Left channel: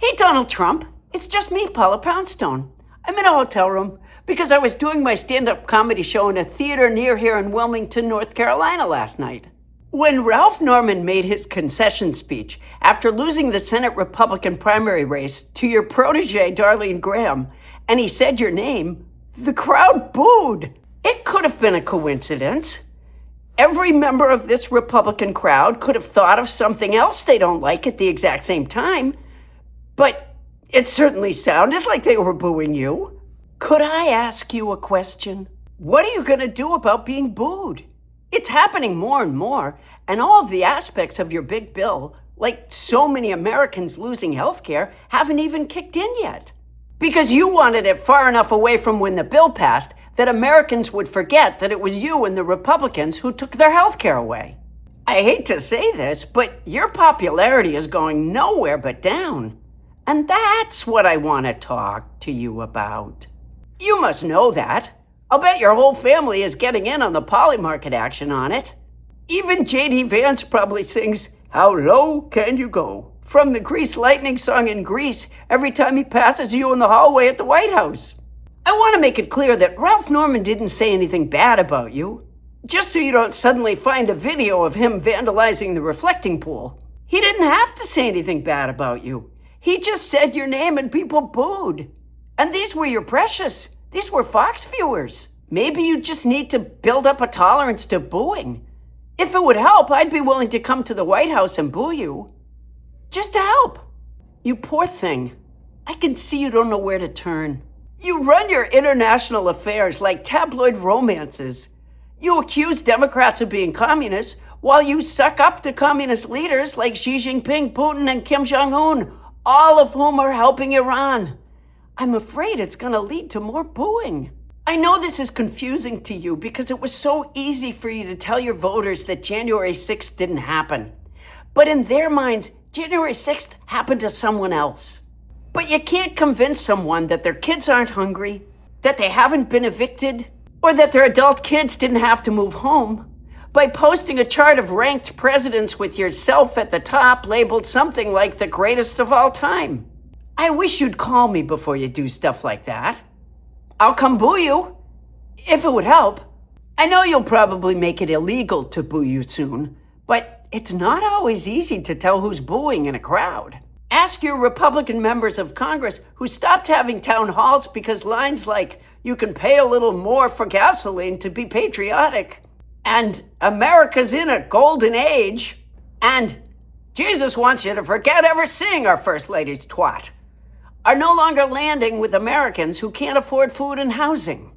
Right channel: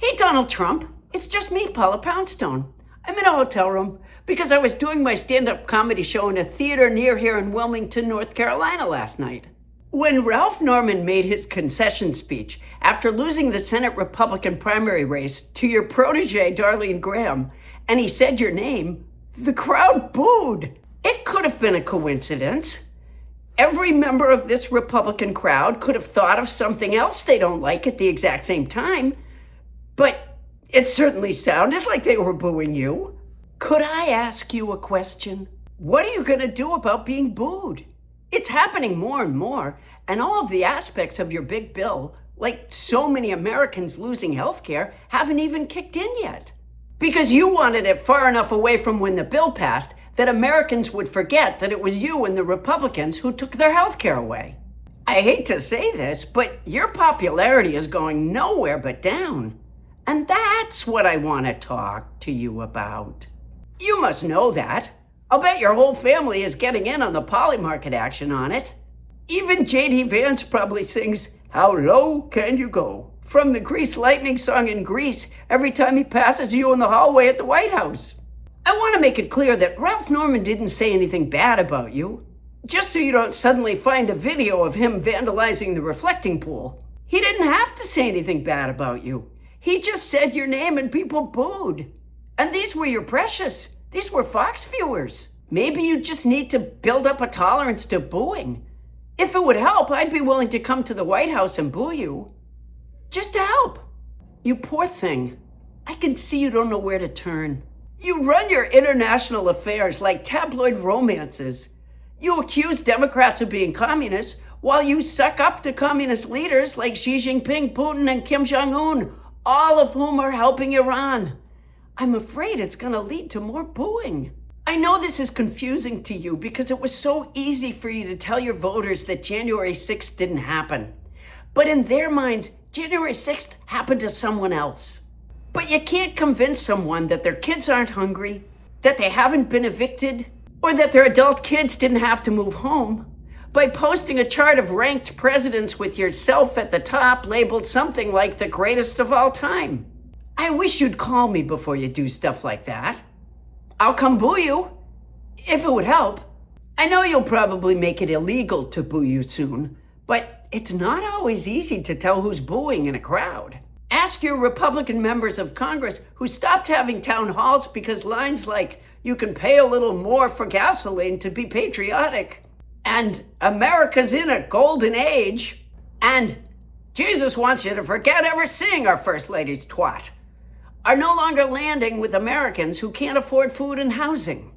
Hey, Donald Trump. It's just me, Paula Poundstone. I'm in a hotel room because I was doing my stand-up comedy show in a theater near here in Wilmington, North Carolina last night. When Ralph Norman made his concession speech after losing the Senate Republican primary race to your protege, Darline Graham, and he said your name, the crowd booed. It could have been a coincidence. Every member of this Republican crowd could have thought of something else they don't like at the exact same time, but it certainly sounded like they were booing you. Could I ask you a question? What are you going to do about being booed? It's happening more and more, and all of the aspects of your big bill, like so many Americans losing health care, haven't even kicked in yet. Because you wanted it far enough away from when the bill passed that Americans would forget that it was you and the Republicans who took their health care away. I hate to say this, but your popularity is going nowhere but down. And that's what I want to talk to you about. You must know that. I'll bet your whole family is getting in on the Polymarket action on it. Even J.D. Vance probably sings, "How low can you go?" from the Grease Lightning song in Grease every time he passes you in the hallway at the White House. I want to make it clear that Ralph Norman didn't say anything bad about you, just so you don't suddenly find a video of him vandalizing the reflecting pool. He didn't have to say anything bad about you. He just said your name and people booed. And these were your precious. These were Fox viewers. Maybe you just need to build up a tolerance to booing. If it would help, I'd be willing to come to the White House and boo you. Just to help. You poor thing. I can see you don't know where to turn. You run your international affairs like tabloid romances. You accuse Democrats of being communists while you suck up to communist leaders like Xi Jinping, Putin, and Kim Jong-un, all of whom are helping Iran. I'm afraid it's going to lead to more booing. I know this is confusing to you because it was so easy for you to tell your voters that January 6th didn't happen. But in their minds, January 6th happened to someone else. But you can't convince someone that their kids aren't hungry, that they haven't been evicted, or that their adult kids didn't have to move home by posting a chart of ranked presidents with yourself at the top labeled something like the greatest of all time. I wish you'd call me before you do stuff like that. I'll come boo you, if it would help. I know you'll probably make it illegal to boo you soon, but it's not always easy to tell who's booing in a crowd. Ask your Republican members of Congress who stopped having town halls because lines like, "You can pay a little more for gasoline to be patriotic," and "America's in a golden age," and "Jesus wants you to forget ever seeing our First Lady's twat," are no longer landing with Americans who can't afford food and housing.